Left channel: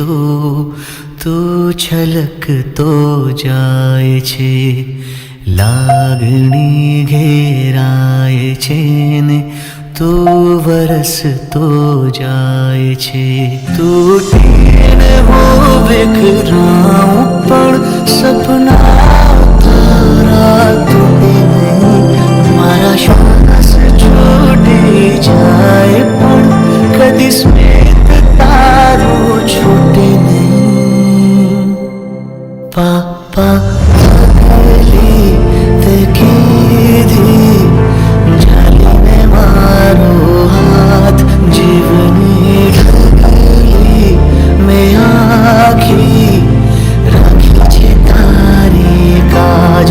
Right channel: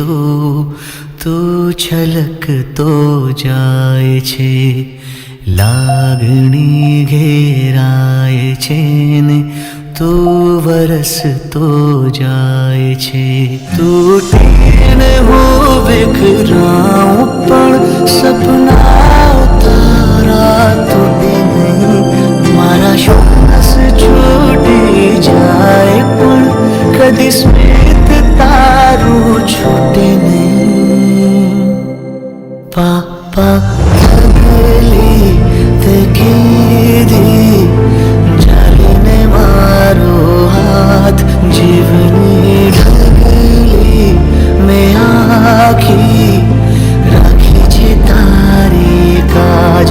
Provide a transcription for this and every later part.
તો તું છલકતો જાય છે, લાગણી ઘેરાય છે ને તું વરસતો જાય છે. તૂટીને હું વિખરાઉં પણ સપના તારા તૂટે નહીં. મારા શ્વાસ છૂટી જાય પણ કદી સ્મિત તારું છૂટે નહીં. પાપા લગેલી તે કીધી જાલીને મારો હાથ, જીવની ઢગલી મેં આખી રાખી છે તારી કાજ.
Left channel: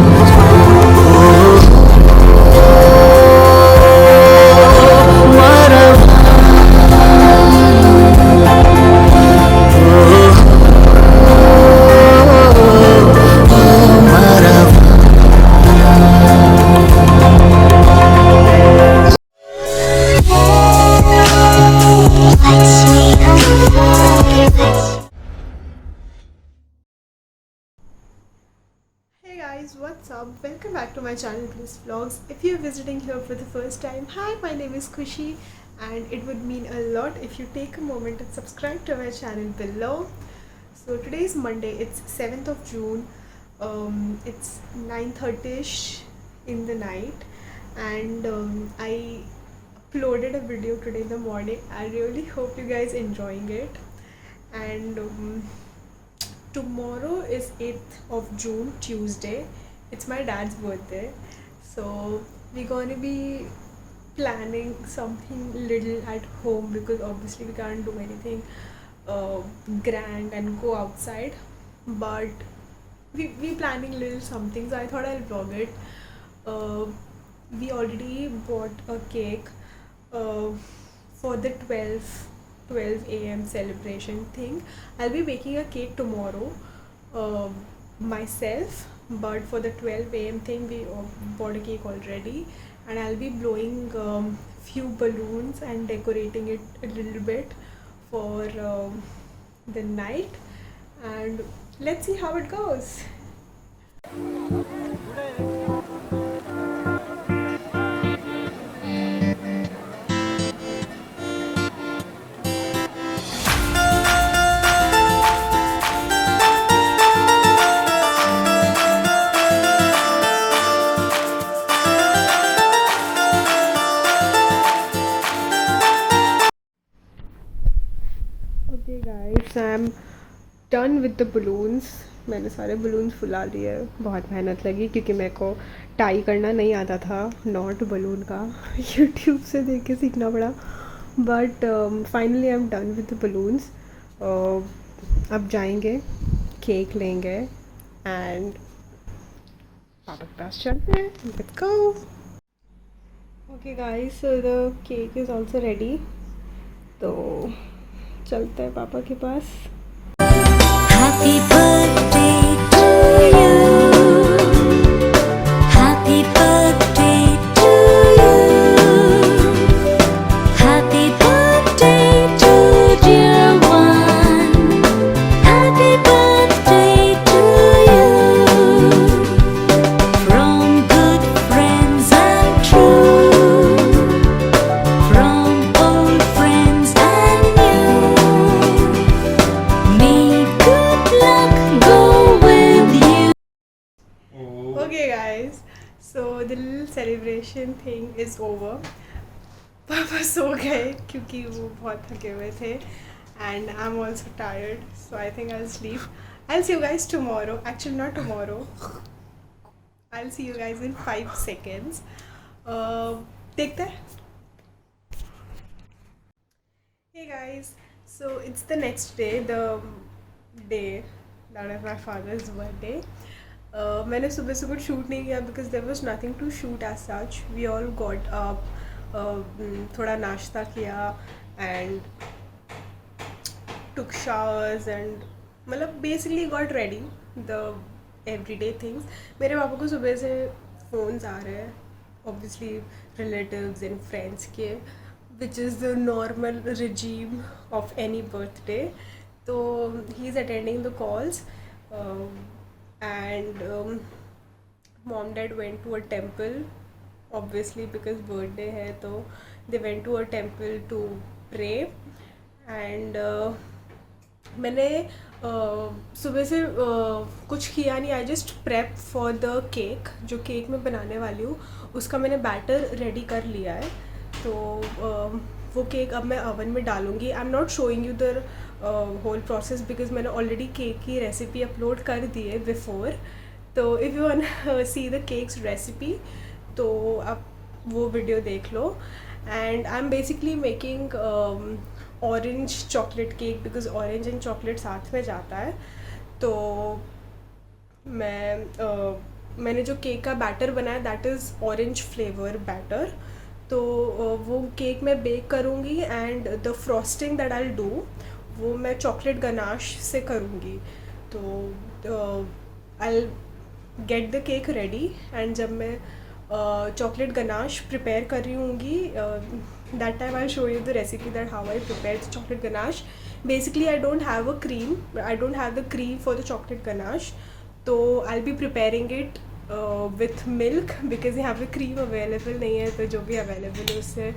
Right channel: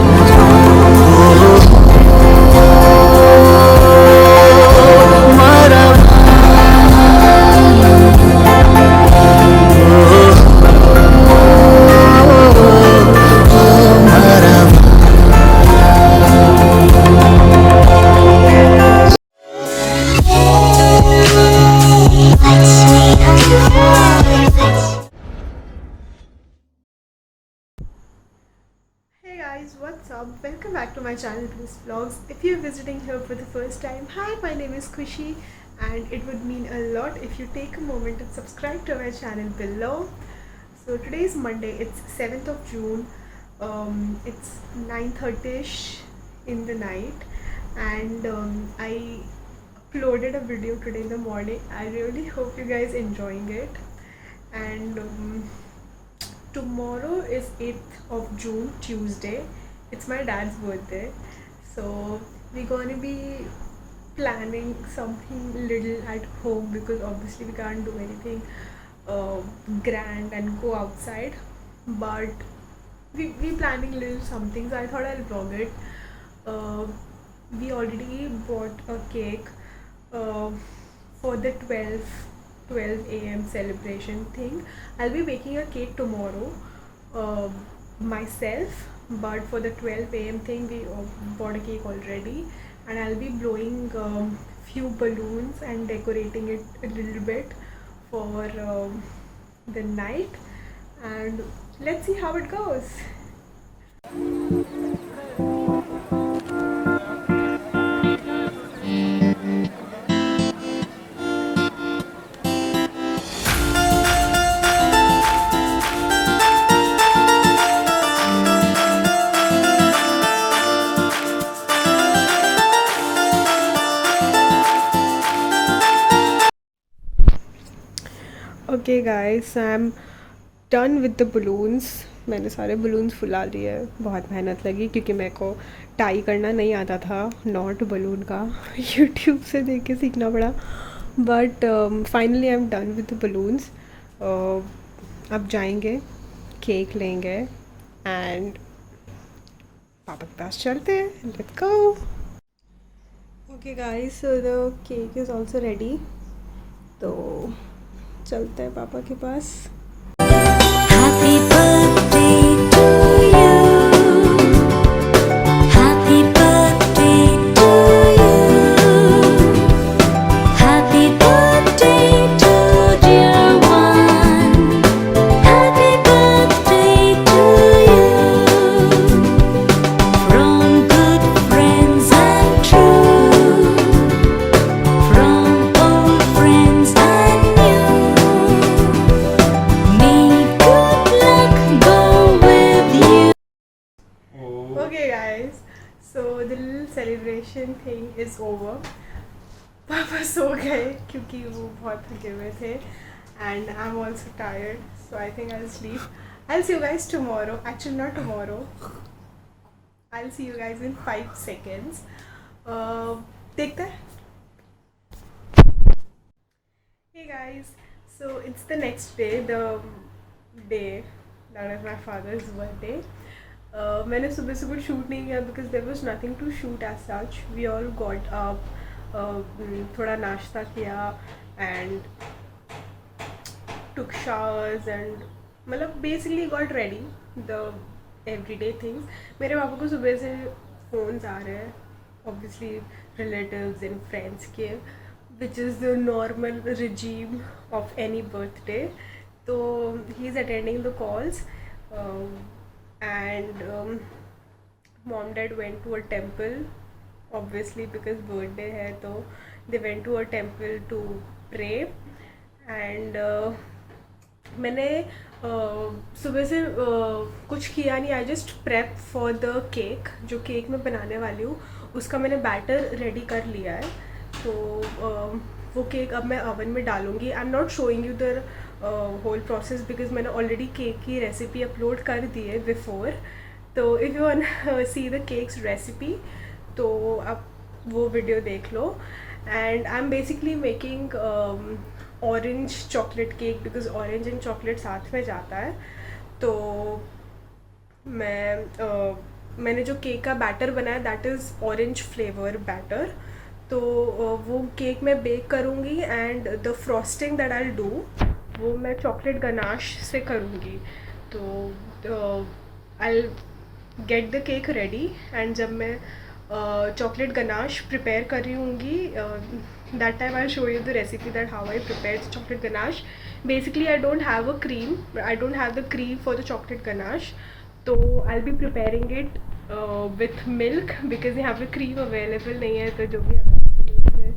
Hey guys, what's up? Welcome back to my channel Blues Vlogs. If you're visiting here for the first time, hi, my name is Khushi and it would mean a lot if you take a moment and subscribe to my channel below. So today is Monday, it's 7th of June, it's 9:30ish in the night and I uploaded a video today in the morning. I really hope you guys enjoying it. And tomorrow is 8th of June, Tuesday. It's my dad's birthday, so we're gonna be planning something little at home because obviously we can't do anything grand and go outside, but we planning little something, so I thought I'll vlog it. We already bought a cake for the 12 a.m. celebration thing. I'll be baking a cake tomorrow myself, but for the 12 a.m. thing we bought a cake already, and I'll be blowing few balloons and decorating it a little bit for the night, and let's see how it goes. Okay guys, I'm done with the balloons. मैंने सारे balloons फुला लिए. बहुत मेहनत लगी क्योंकि मेरे को टाई करना नहीं आता था नॉट बलून का. यूट्यूब से देख के सीखना पड़ा. But finally I am done with the balloons. अब जाएंगे, केक लेंगे एंड पापा के पास चलते हैं. Let's go. Okay guys, so the cake is also ready, तो चलते हैं पापा के पास. Happy birthday to you. Happy birthday to you. Happy birthday to dear one. Happy birthday to you. From good friends and true. From old friends and new. May good luck go with you. Okay guys, so the little celebration thing is over. पापा सो गए क्योंकि वो बहुत थके हुए थे and I'm also tired, so I think I'll sleep. I'll see you guys tomorrow. Actually not tomorrow. I'll see you guys in 5 seconds. देखते हैं. Hey guys, so it's the next day, the day that is my father's birthday. मैंने सुबह से कुछ shoot नहीं किया because there was nothing to shoot as such. We all got up, थोड़ा नाश्ता किया and took showers and मतलब basically got ready the everyday things. मेरे पापा को सुबह से फ़ोन्स आ रहे हैं obviously relatives and friends के, which is the normal regime of any birthday. तो he is attending the calls and mom dad went to a temple obviously because birthday है, तो they went to a temple to pray and मैंने सुबह से कुछ किया नहीं. I just prep for the cake. जो केक मैं बनाने वाली हूँ उसका मैंने बैटर रेडी कर लिया है. तो वो केक अब मैं ओवन में डालूँगी. I am not showing you the whole process because मैंने ऑलरेडी केक की रेसिपी अपलोड कर दी है बिफोर. तो if you want see the cake's recipe तो आप वो वीडियो देख लो. And I am basically making orange chocolate cake because orange and chocolate साथ में जाता है. तो मैंने जो केक का बैटर बनाया that is orange flavour batter. तो वो केक मैं बेक करूँगी and the frosting that I will do वो मैं चॉकलेट गनाश से करूँगी. तो I get the cake ready and जब मैं चॉकलेट गनाश प्रिपेयर कर रही होंगी that time I'll show you the recipe that how I prepared the chocolate ganache. Basically I don't have the cream for the chocolate ganache, so I'll be preparing it with milk because यहाँ पे cream available नहीं है. तो जो भी available है उससे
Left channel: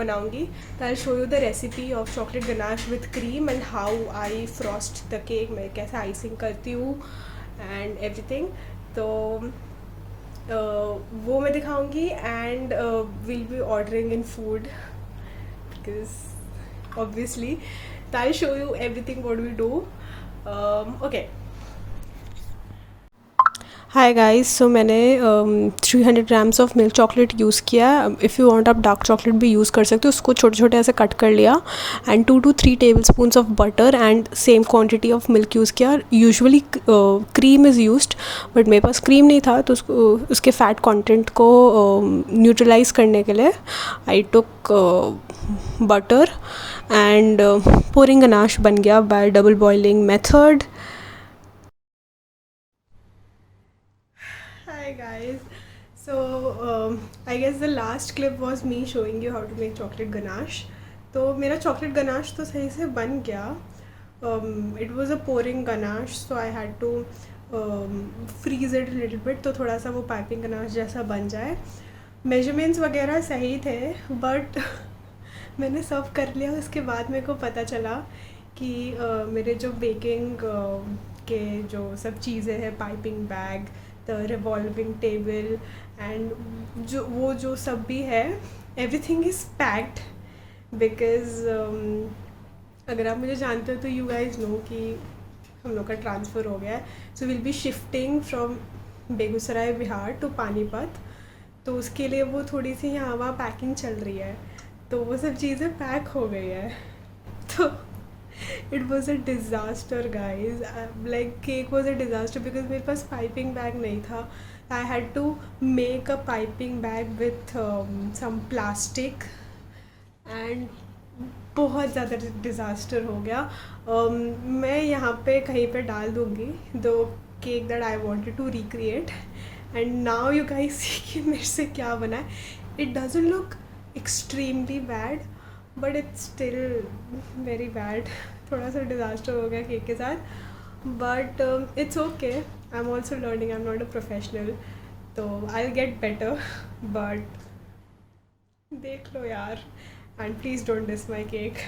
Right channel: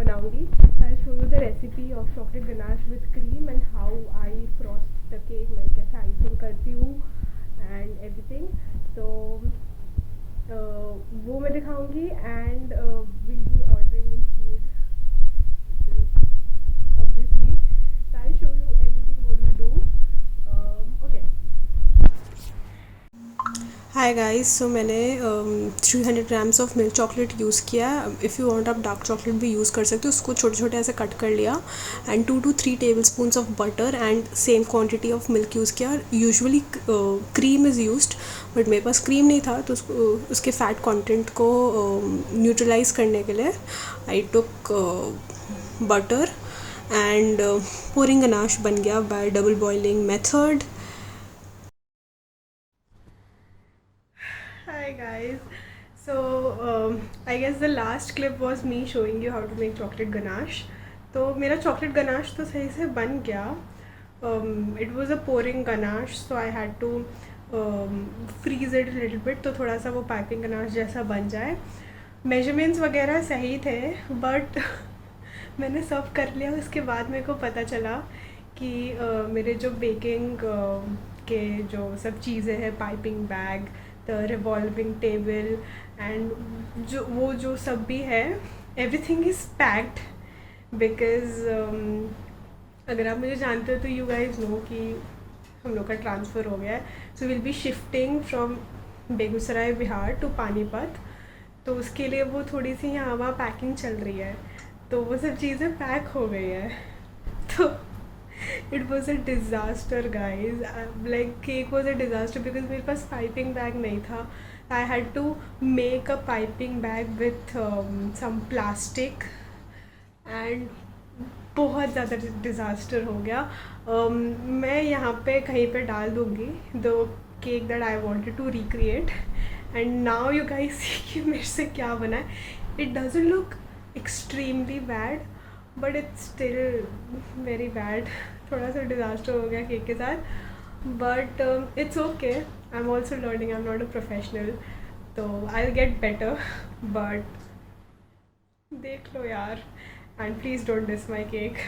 बनाऊँगी. I'll show you the recipe of chocolate ganache with cream and how I frost the cake. मैं कैसे icing करती हूँ and everything. तो वो मैं दिखाऊंगी and will be ordering in food because obviously. तो I show you everything what we do. Okay. Hi guys. So मैंने 300 grams of milk chocolate use किया. इफ़ यू वांट आप डार्क चॉकलेट भी use कर सकते हो. उसको छोटे छोटे ऐसे कट कर लिया and 2 to 3 tablespoons of butter and same quantity of milk use किया. Usually cream is used but मेरे पास क्रीम नहीं था तो उसके फ़ैट कंटेंट को न्यूट्रलाइज करने के लिए आई टुक बटर एंड pouring गनाश बन गया bye double boiling method. Hi guys. So I guess the last clip was me showing you how to make chocolate ganache. तो मेरा chocolate ganache तो सही से बन गया. It was a pouring ganache so I had to freeze it a little bit तो थोड़ा सा वो piping ganache जैसा बन जाए. Measurements वगैरह सही थे but मैंने सर्व कर लिया. उसके बाद मेरे को पता चला कि मेरे जो बेकिंग के जो सब चीज़ें हैं piping bag the revolving table and जो सब भी है एवरीथिंग इज़ पैक्ड बिकॉज अगर आप मुझे जानते हो तो यू गाइज नो कि हम लोग का ट्रांसफ़र हो गया है. So will be shifting from Begusarai Bihar to Panipat. तो उसके लिए वो थोड़ी सी यहाँ वहाँ पैकिंग चल रही है. तो वो सब चीज़ें पैक हो गई है. तो it was a disaster guys. Like cake was a disaster because मेरे पास piping bag नहीं था. I had to make a piping bag with some plastic and बहुत ज़्यादा disaster हो गया. मैं यहाँ पे कहीं पे डाल दूँगी the cake that I wanted to recreate and now you guys see कि मेरे से क्या बना है. It doesn't look extremely bad but it's still very bad. थोड़ा सा डिज़ास्टर हो गया केक के साथ but it's okay. I am also learning. I am not a professional तो I will get better but देख लो यार and please don't diss my cake.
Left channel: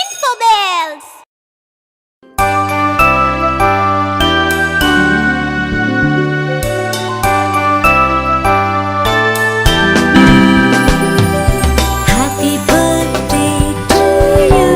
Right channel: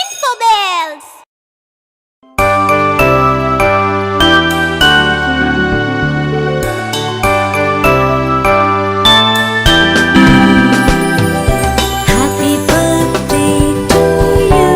Infobells! Happy birthday to you.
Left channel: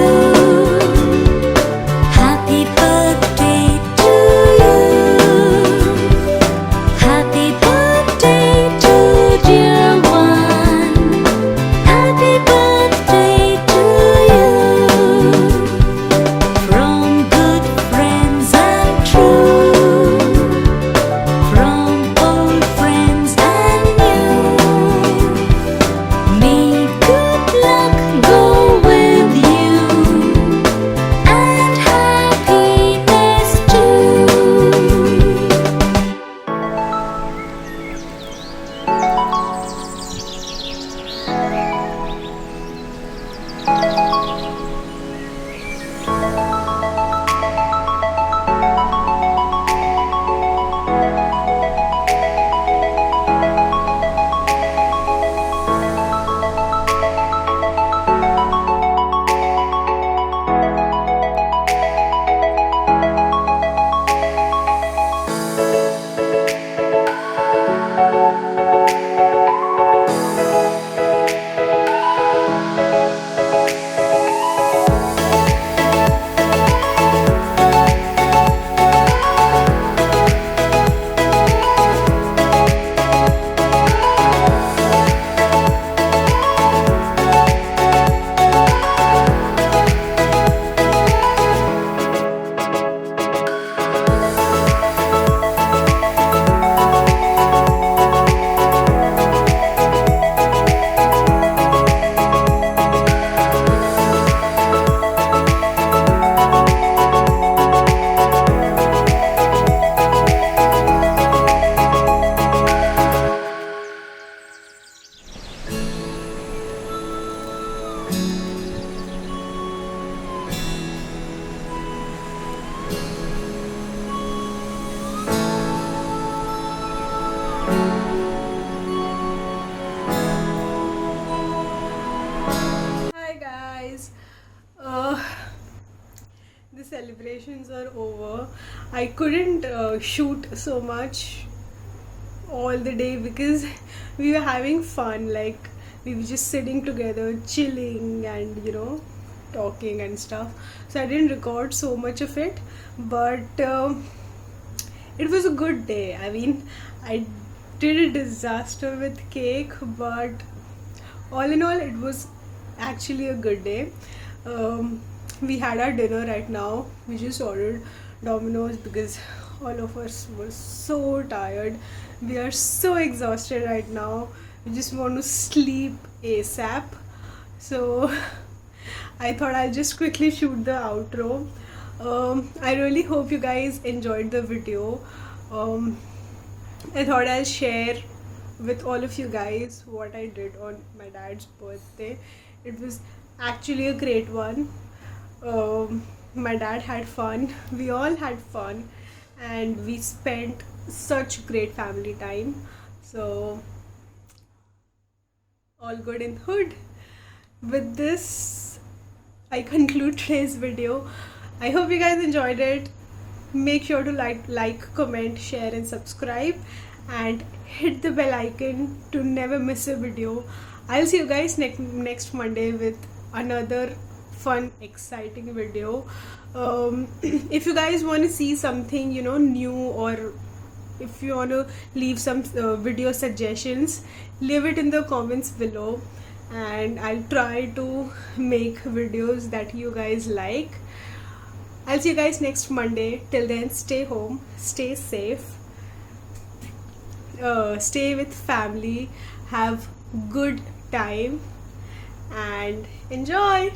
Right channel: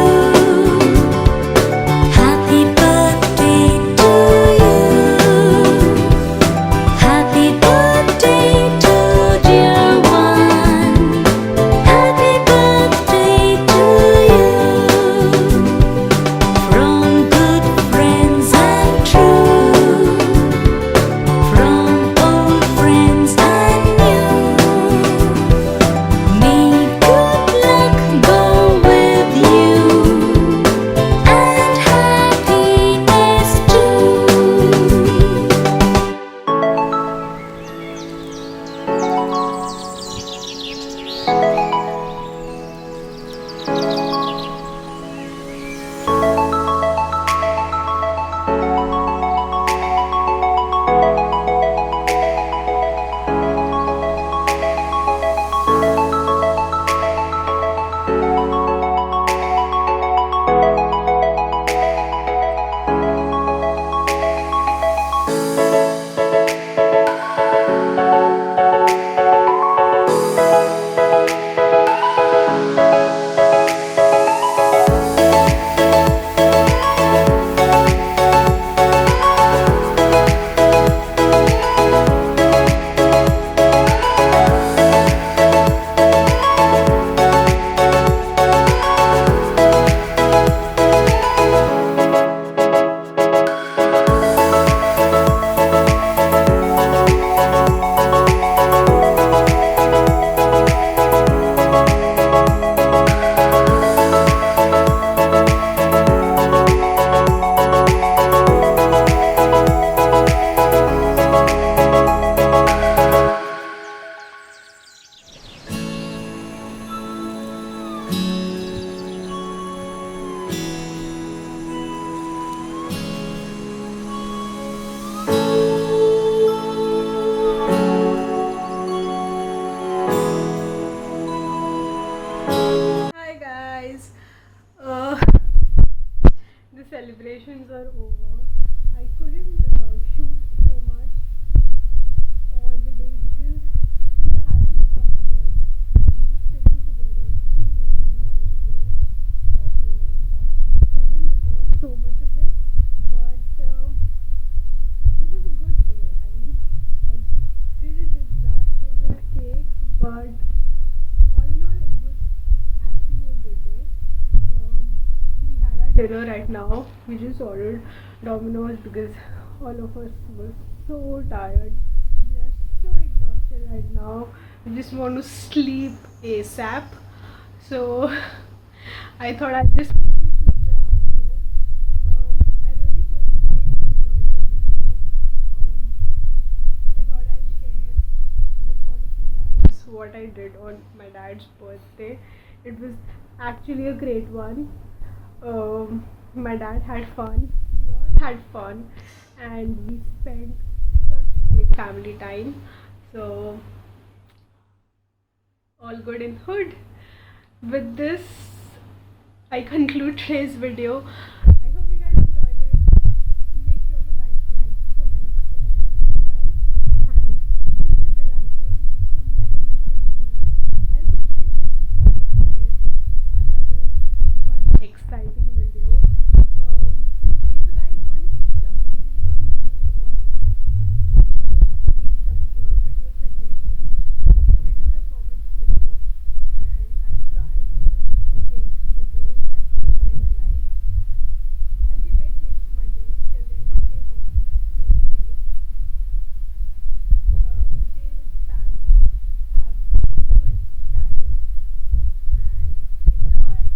Uh, the celebrations are over. I couldn't shoot so much all the day because we were having fun. Like, we were just sitting together, chilling, and talking and stuff. So I didn't record so much of it, but it was a good day. I mean, I did a disaster with cake, but all in all, it was actually a good day. We had our dinner right now. We just ordered Domino's because all of us were so tired. We are so exhausted right now. We just want to sleep ASAP. So I thought I'll just quickly shoot the outro. I really hope you guys enjoyed the video. I thought I'll share with all of you guys what I did on my dad's birthday. It was actually a great one. My dad had fun, we all had fun, and we spent such great family time. So, all good in hood. With this, I conclude today's video. I hope you guys enjoyed it. Make sure to like, comment, share, and subscribe, and hit the bell icon to never miss a video. I'll see you guys next Monday with another fun, exciting video. If you guys want to see something new, or if you want to leave some video suggestions, leave it in the comments below, and I'll try to make videos that you guys like. I'll see you guys next Monday. Till then, stay home, stay safe, stay with family, have good time, and enjoy.